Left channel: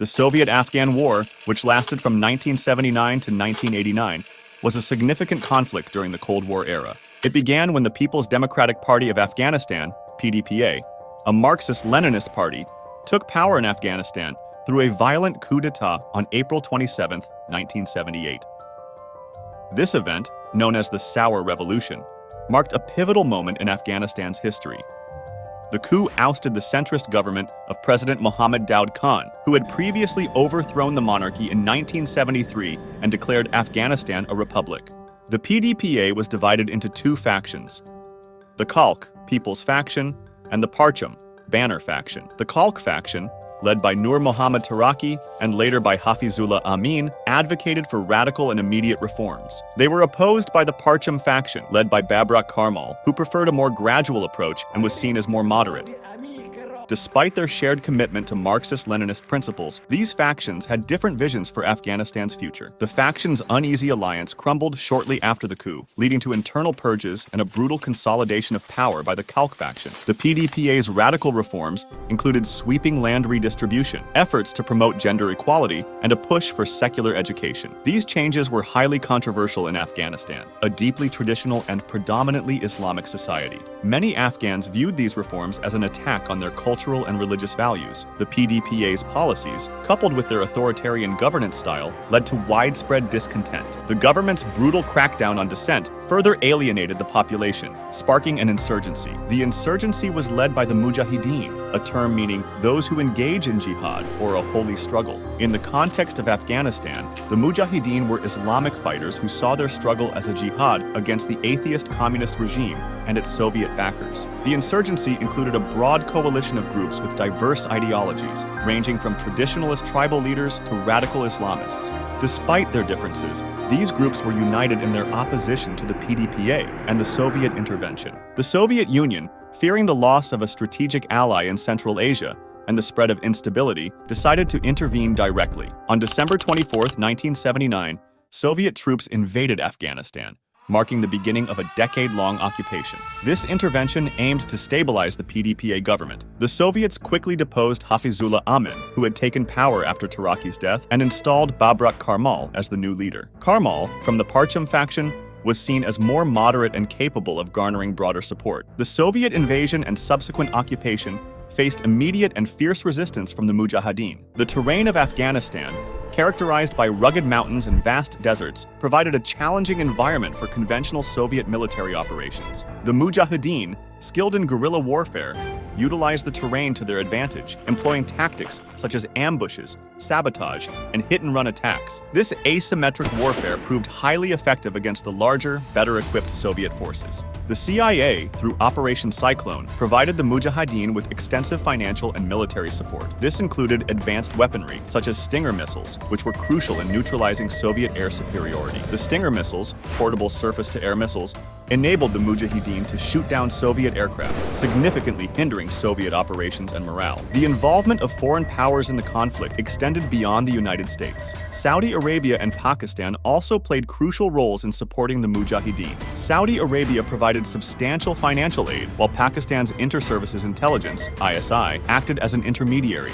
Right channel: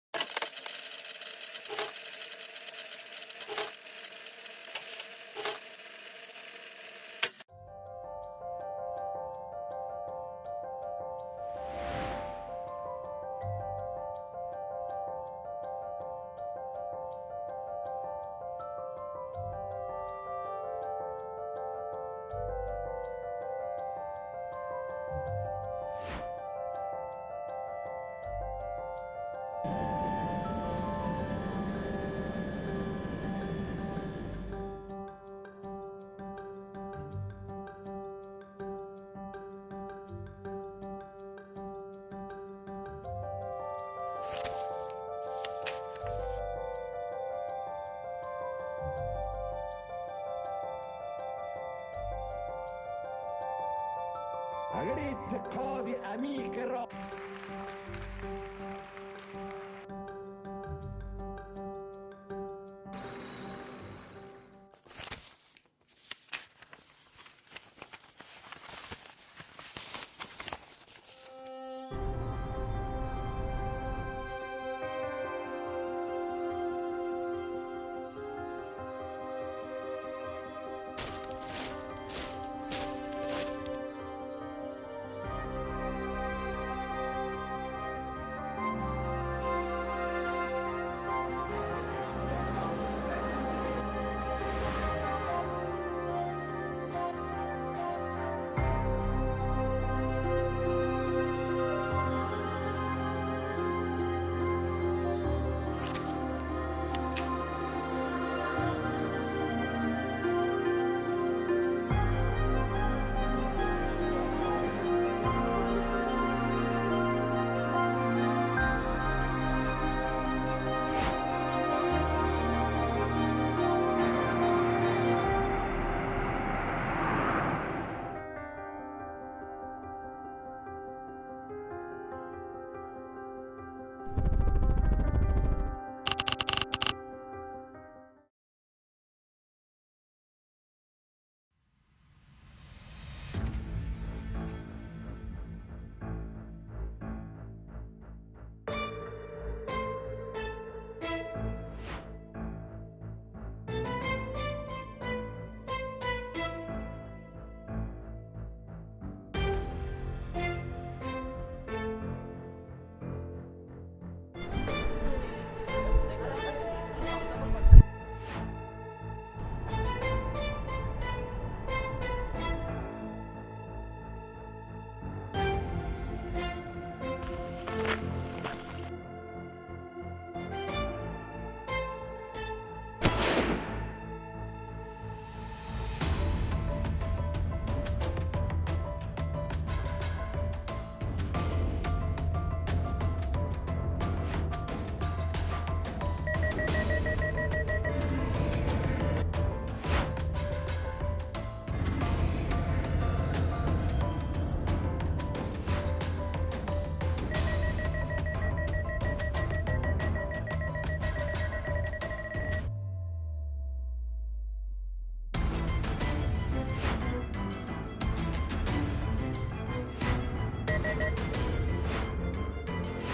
The Soviet-Afghan War, which lasted from 1979 to 1989, was a significant conflict during the Cold War era. It began when the People's Democratic Party of Afghanistan, PDPA, a Marxist-Leninist party, took power in Afghanistan through a violent coup d'etat on April 27, 1978. This event, known as the Sour Revolution, marked a pivotal moment in Afghanistan's history. The coup ousted the centrist government of President Mohammad Daoud Khan, who had previously overthrown the monarchy in 1973 and declared Afghanistan a republic. The PDPA was divided into two factions: the Khalq, People's Faction, and the Parcham, Banner Faction. The Khalq faction, led by Nur Muhammad Taraki and later by Hafizullah Amin, advocated for radical and immediate reforms. They were opposed by the Parcham faction, led by Babrak Karmal, who preferred a more gradual approach and was seen as more moderate. Despite their shared commitment to Marxist-Leninist principles, these factions had different visions for Afghanistan's future. The factions' uneasy alliance crumbled shortly after the coup, leading to internal purges and a brutal consolidation of power by the Khalq faction. The PDPA's radical reforms included sweeping land redistribution, efforts to promote gender equality, and a push for secular education. These changes were highly controversial in Afghanistan, a deeply traditional and predominantly Islamic society. Many Afghans viewed these reforms as an attack on their cultural and religious values. The PDPA's policies, coupled with their authoritarian governance style, led to widespread discontent. The government's brutal crackdown on dissent further alienated the population, sparking an insurgency. The insurgency was led by the Mujahideen, a term meaning those who engage in jihad or a holy struggle. In the context of Afghanistan, the Mujahideen were Islamic fighters who saw their struggle as a jihad against the atheist communist regime and its Soviet backers. The insurgency included a broad coalition of groups with diverse ideologies, ranging from traditionalist tribal leaders to radical Islamists. Despite their differences, these groups were united in their opposition to the PDPA and the Soviet intervention. The Soviet Union, fearing the loss of a strategic ally in Central Asia and the spread of instability, decided to intervene directly. On December 24, 1979, Soviet troops invaded Afghanistan, marking the beginning of a decade-long occupation. This intervention aimed to stabilize the PDPA government. The Soviets quickly deposed Hafizullah Amin, who had taken power after Taraki's death, and installed Babrak Karmal as the new leader. Karmal, from the Parcham faction, was seen as more moderate and capable of garnering broader support. The Soviet invasion and subsequent occupation faced immediate and fierce resistance from the Mujahideen. The terrain of Afghanistan, characterized by rugged mountains and vast deserts, provided a challenging environment for conventional Soviet military operations. The Mujahideen, skilled in guerrilla warfare, utilized the terrain to their advantage, employing tactics such as ambushes, sabotage, and hit-and-run attacks. This asymmetric warfare proved highly effective against the larger, better-equipped Soviet forces. The CIA, through Operation Cyclone, provided the Mujahideen with extensive financial and military support. This included advanced weaponry, such as Stinger missiles, which were crucial in neutralizing Soviet air superiority. The Stinger missiles, portable surface-to-air missiles, enabled the Mujahideen to shoot down Soviet aircraft, significantly hindering Soviet operations and morale. The involvement of foreign powers in the conflict extended beyond the United States. Saudi Arabia and Pakistan also played crucial roles in supporting the Mujahideen. Saudi Arabia provided substantial financial aid, while Pakistan's Inter-Services Intelligence, ISI, acted as an intermediary,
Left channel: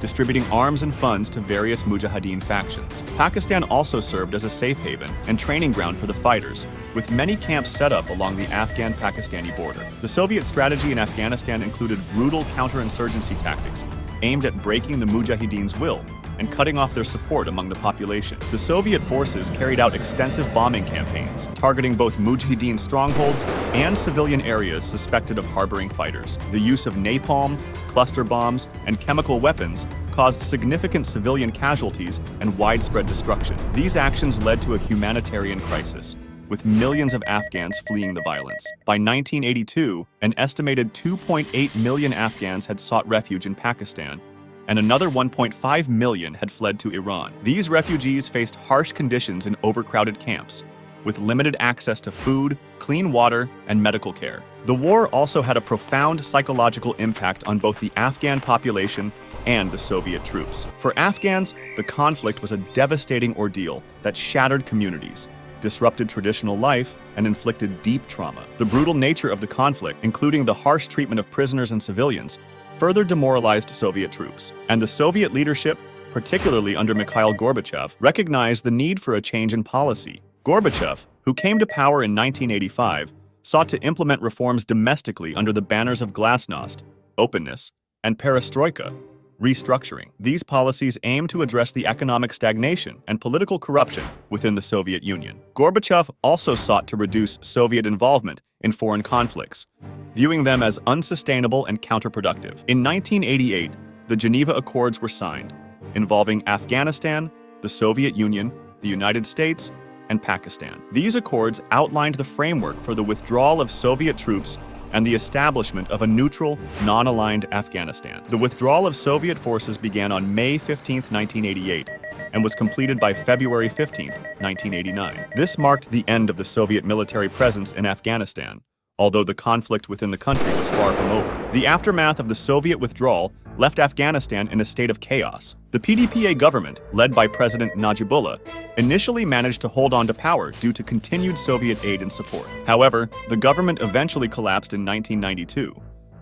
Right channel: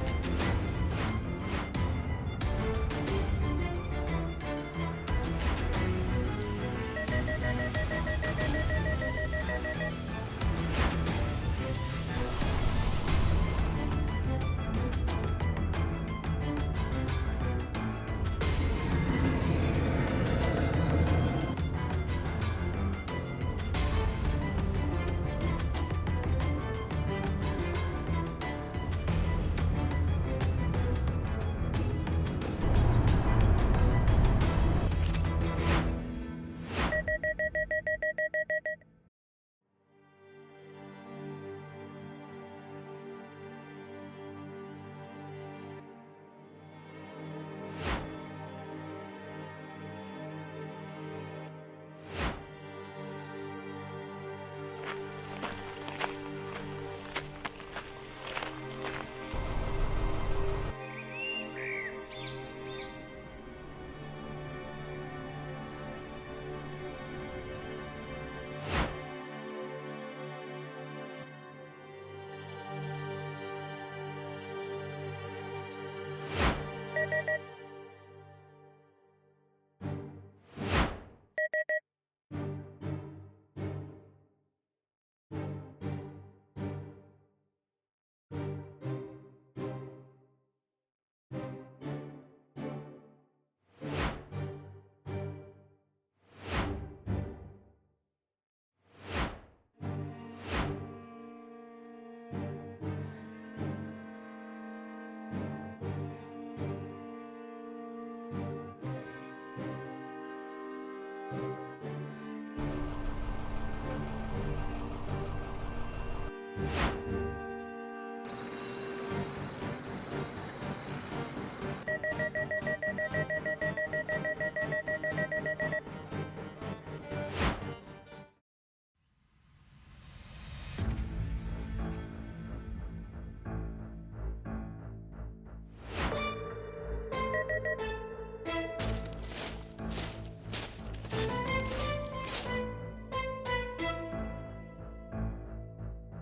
distributing arms and funds to various Mujahideen factions. Pakistan also served as a safe haven and training ground for the fighters, with many camps set up along the Afghan-Pakistani border. The Soviet strategy in Afghanistan included brutal counterinsurgency tactics aimed at breaking the Mujahideen's will and cutting off their support among the population. The Soviet forces carried out extensive bombing campaigns, targeting both Mujahideen strongholds and civilian areas suspected of harboring fighters. The use of napalm, cluster bombs, and chemical weapons caused significant civilian casualties and widespread destruction. These actions led to a humanitarian crisis, with millions of Afghans fleeing the violence. By 1982, an estimated 2.8 million Afghans had sought refuge in Pakistan, and another 1.5 million had fled to Iran. These refugees faced harsh conditions in overcrowded camps, with limited access to food, clean water, and medical care. The war also had a profound psychological impact on both the Afghan population and the Soviet troops. For Afghans, the conflict was a devastating ordeal that shattered communities, disrupted traditional life, and inflicted deep trauma. The brutal nature of the conflict, including the harsh treatment of prisoners and civilians, further demoralized Soviet troops, and the Soviet leadership, particularly under Mikhail Gorbachev, recognized the need for a change in policy. Gorbachev, who came to power in 1985, sought to implement reforms domestically under the banners of glasnost, openness, and perestroika, restructuring. These policies aim to address the economic stagnation and political corruption within the Soviet Union. Gorbachev also sought to reduce Soviet involvement in foreign conflicts, viewing them as unsustainable and counterproductive. In 1988, the Geneva Accords were signed, involving Afghanistan, the Soviet Union, the United States, and Pakistan. These accords outlined the framework for the withdrawal of Soviet troops and the establishment of a neutral, non-aligned Afghanistan. The withdrawal of Soviet forces began on May 15, 1988, and was completed by February 15, 1989. This marked the end of the Soviet military presence in Afghanistan, although the conflict within the country was far from over. The aftermath of the Soviet withdrawal left Afghanistan in a state of chaos. The PDPA government, led by President Najibullah, initially managed to hold on to power due to continued Soviet aid and support. However, the government eventually collapsed in 1992,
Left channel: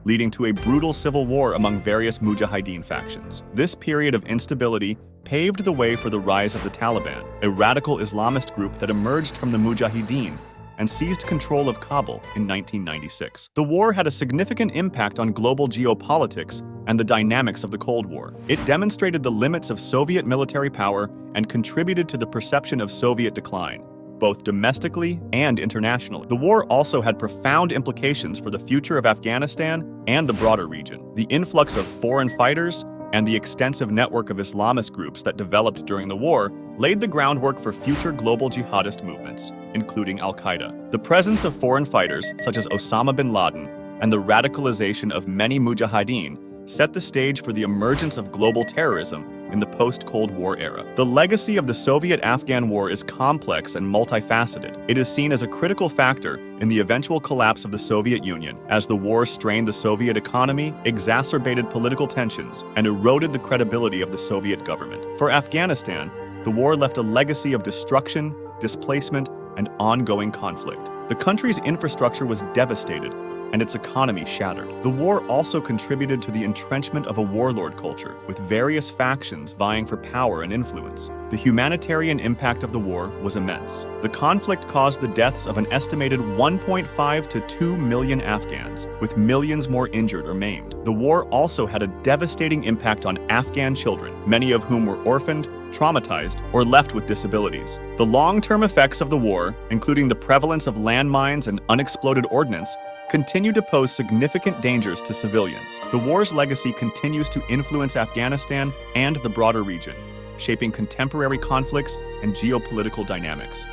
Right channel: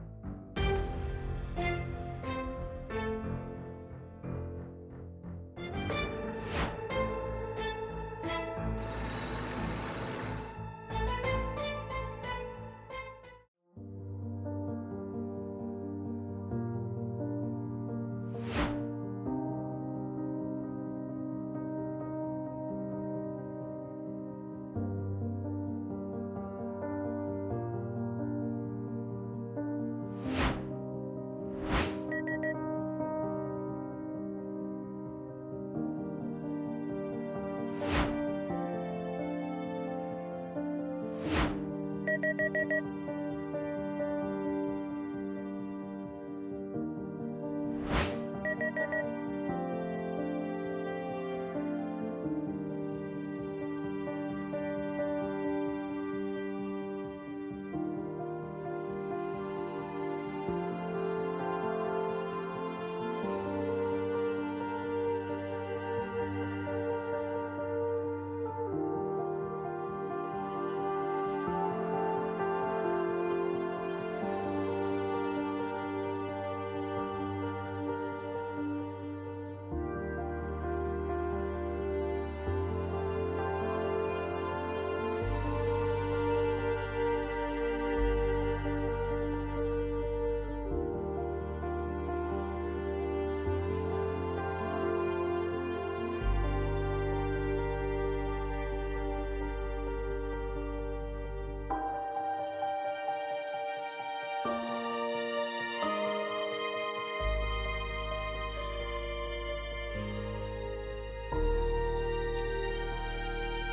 leading to a brutal civil war among various Mujahideen factions. This period of instability paved the way for the rise of the Taliban, a radical Islamist group that emerged from the Mujahideen and seized control of Kabul in 1996. The war had a significant impact on global geopolitics and the dynamics of the Cold War. It demonstrated the limits of Soviet military power and contributed to the perception of Soviet decline, both domestically and internationally. The war also had profound implications for the future of Afghanistan and the broader region. The influx of foreign fighters and the extensive network of Islamist groups that developed during the war laid the groundwork for future global jihadist movements, including Al-Qaeda. The presence of foreign fighters, such as Osama bin Laden, and the radicalization of many Mujahideen set the stage for the emergence of global terrorism in the post-Cold War era. The legacy of the Soviet-Afghan War is complex and multifaceted. It is seen as a critical factor in the eventual collapse of the Soviet Union, as the war strained the Soviet economy, exacerbated political tensions, and eroded the credibility of the Soviet government. For Afghanistan, the war left a legacy of destruction, displacement, and ongoing conflict. The country's infrastructure was devastated, and its economy shattered. The war also contributed to the entrenchment of a warlord culture, with various factions vying for power and influence. The humanitarian impact of the war was immense. The conflict caused the deaths of an estimated 1.5 to 2 million Afghans, with millions more injured or maimed. The war also had a devastating impact on Afghan children, many of whom were orphaned, traumatized, or left with disabilities. The long-term effects of the war, including the prevalence of landmines and unexploded ordnance, continue to pose significant dangers to civilians. The war's legacy continues to influence Afghanistan and the broader region, shaping contemporary conflicts and geopolitical dynamics.